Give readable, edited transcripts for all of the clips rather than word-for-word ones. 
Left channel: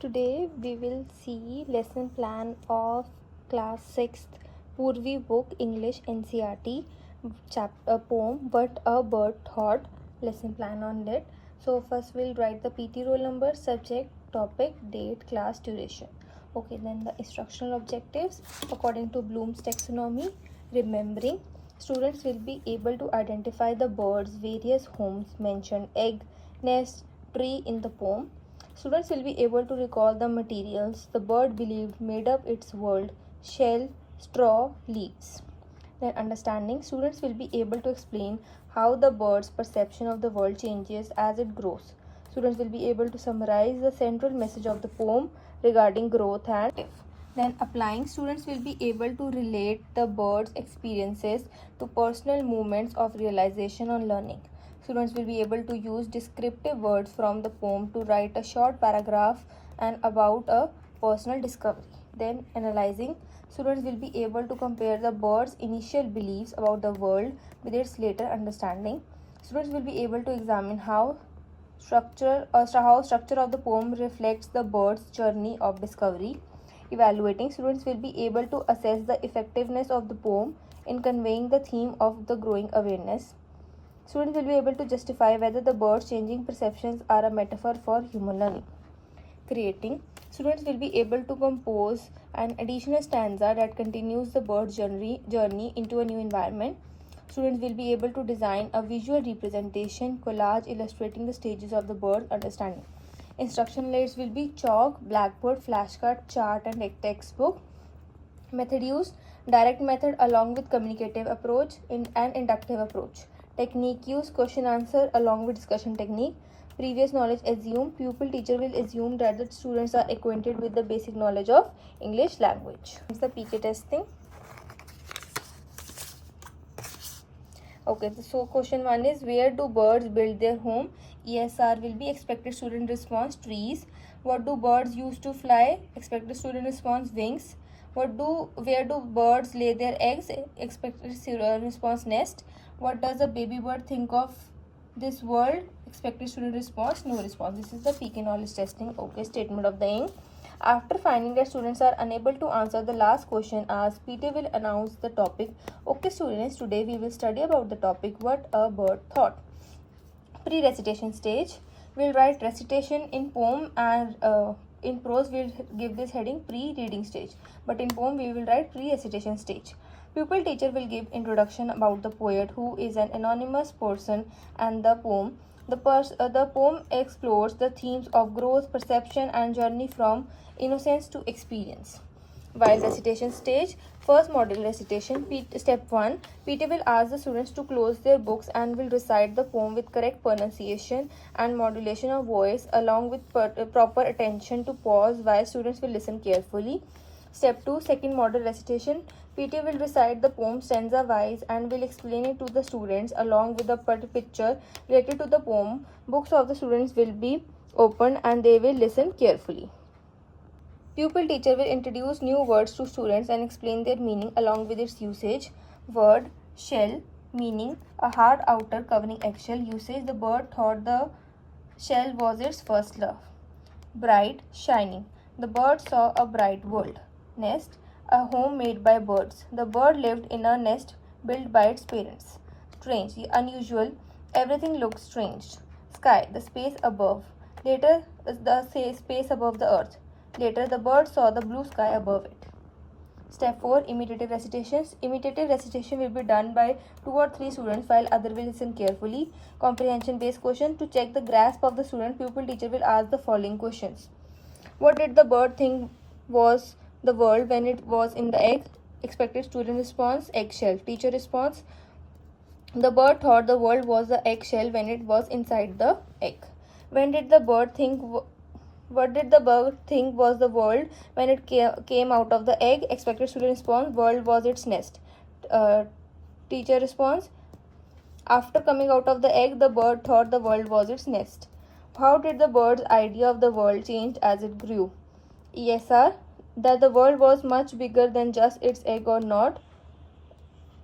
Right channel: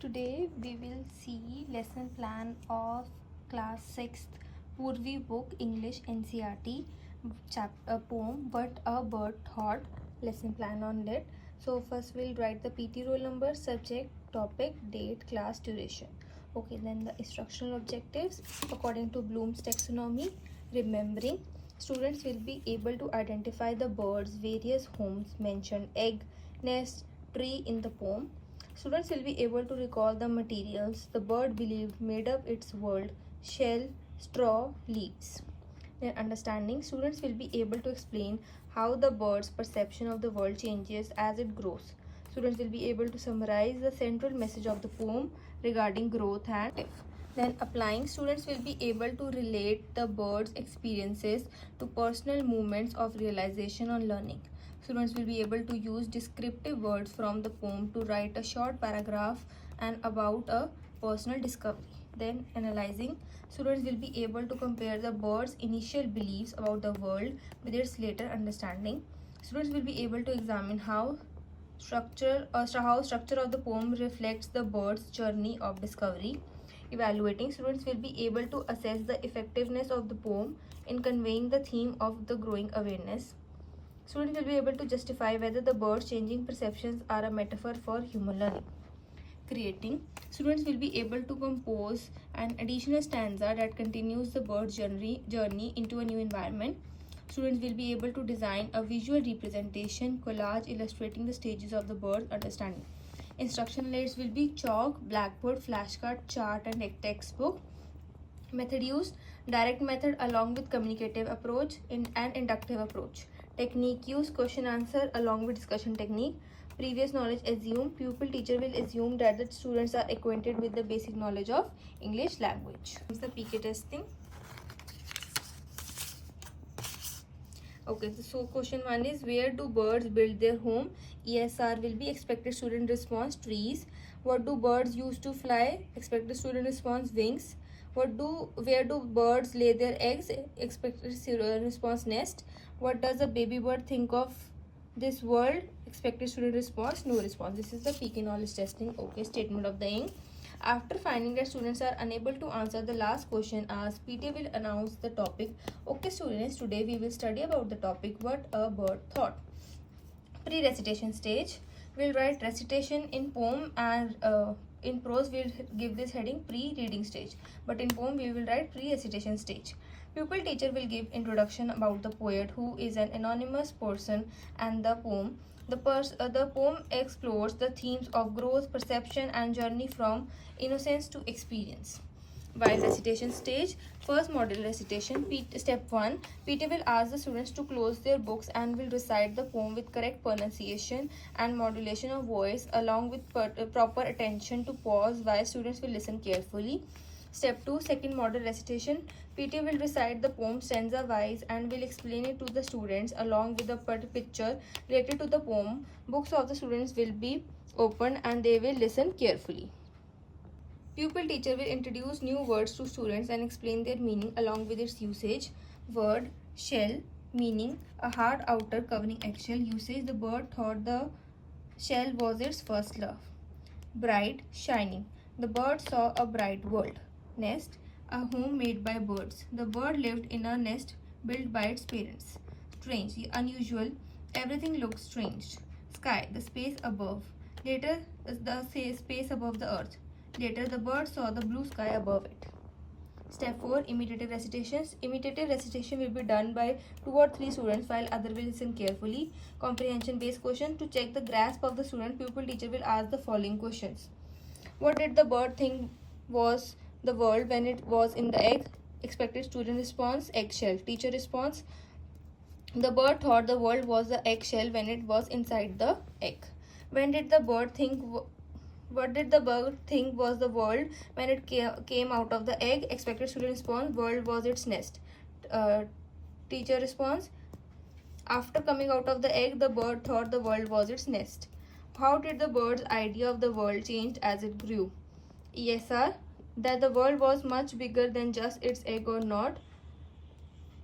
Today we will see lesson plan of class 6th Poorvi book English NCERT chapter poem What a Bird Thought lesson plan on it. So first we'll write the PT roll number, subject, topic, date, class, duration. Okay, then the instructional objectives according to Bloom's taxonomy. Remembering, students will be able to identify the birds, various homes mentioned, egg, nest, tree in the poem. Students will be able to recall the materials the bird believed made up its world: shell, straw, leaves. Then understanding, students will be able to explain how the bird's perception of the world changes as it grows. Students will be able to summarize the central message of the poem regarding growth and then applying, students will be able to relate the bird's experiences to personal moments of realization on learning. Students will be able to use descriptive words from the poem to write a short paragraph and about a personal discovery. Then analyzing, students will be able to compare the bird's initial beliefs about the world with its later understanding. Students will be able to examine how structure of the poem reflects the bird's journey of discovery. Evaluating, students will be able to assess the effectiveness of the poem in conveying the theme of the growing awareness. Students will be able to justify whether the bird's changing perceptions are a metaphor for human learning. Creating, students will be able to compose an additional stanza that continues the bird's journey into a new environment. Students will be able to design a visual representation collage illustrating the stages of the bird's understanding. Instruction aids will be chalk, blackboard, flashcard, chart, and textbook. Method used, direct method along with communicative approach and inductive approach. Technique used, question answer along with discussion technique. Previous knowledge assumed, pupil teacher will assume that the students are acquainted with the basic knowledge of English language. It's the PK testing. Okay, so question 1 is, where do birds build their home? ESR will be expected student response, trees. What do birds use to fly? Expected student response, wings. Where do birds lay their eggs? Expected student response, nest. What does a baby bird think of this world? Expected student response, no response. This is the PK knowledge testing. Okay, statement of the ink. After finding that students are unable to answer the last question asked, PT will announce the topic. Okay students, today we will study about the topic What a Bird Thought. Pre-recitation stage. We'll write recitation in poem, and in prose we'll give this heading pre-reading stage. But in poem we will write pre-recitation stage. Pupil teacher will give introduction about the poet, who is an anonymous person, and the poem. The poem explores the themes of growth, perception, and journey from innocence to experience. While recitation stage, first model recitation, step 1, PT will ask the students to close their books and will recite the poem with correct pronunciation and modulation of voice, along with proper attention to pause while students will listen carefully. Step 2, second model recitation, PT will recite the poem stanza wise and will explain it to the students along with the picture related to the poem. Books of the students will be opened and they will listen carefully. Pupil teacher will introduce new words to students and explain their meaning along with its usage. Word, shell, meaning a hard outer covering eggshell. Usage, the bird thought the shell was its first love. Bright, shining, the bird saw a bright world. Nest, a home made by birds. The bird lived in a nest built by its parents. Strange, unusual, everything looked strange. Sky, the space above. Later, the space above the earth. Later, the bird saw the blue sky above it. Step 4, imitative recitations. Imitative recitation will be done by 2 or 3 students while other will listen carefully. Comprehension based question. To check the grasp of the student, pupil teacher will ask the following questions. What did the bird think was the world when it was in the egg? Expected student response, eggshell. Teacher response, the bird thought the world was the eggshell when it was inside the egg. When did the bird think What did the bird think was the world when it came out of the egg? Expected student response, world was its nest. Teacher response, after coming out of the egg, the bird thought the world was its nest. How did the bird's idea of the world change as it grew? ESR, that the world was much bigger than just its egg or not.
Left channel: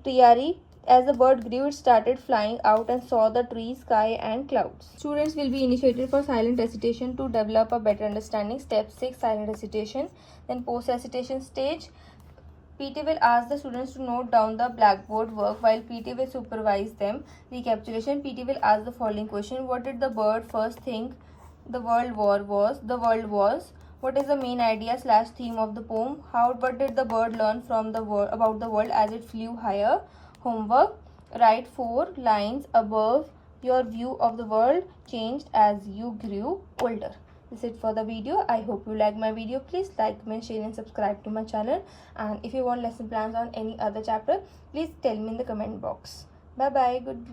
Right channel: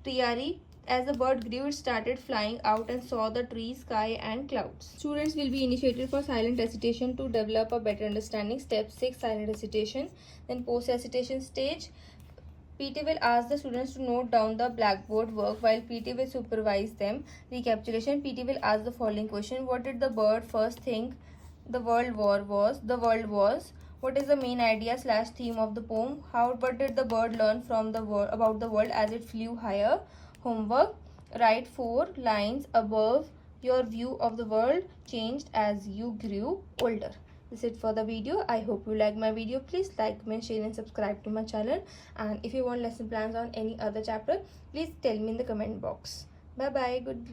TRE, As the bird grew, it started flying out and saw the trees, sky and clouds. Students will be initiated for silent recitation to develop a better understanding. Step 6, silent recitation. Then post-recitation stage. PT will ask the students to note down the blackboard work while PT will supervise them. Recapitulation. PT will ask the following question. What did the bird first think the world was? The world was. What is the main idea / theme of the poem? What did the bird learn from the world about the world as it flew higher? Homework. Write 4 lines above. Your view of the world changed as you grew older. This is it for the video. I hope you like my video. Please like, comment, share and subscribe to my channel. And if you want lesson plans on any other chapter, please tell me in the comment box. Bye bye. Good.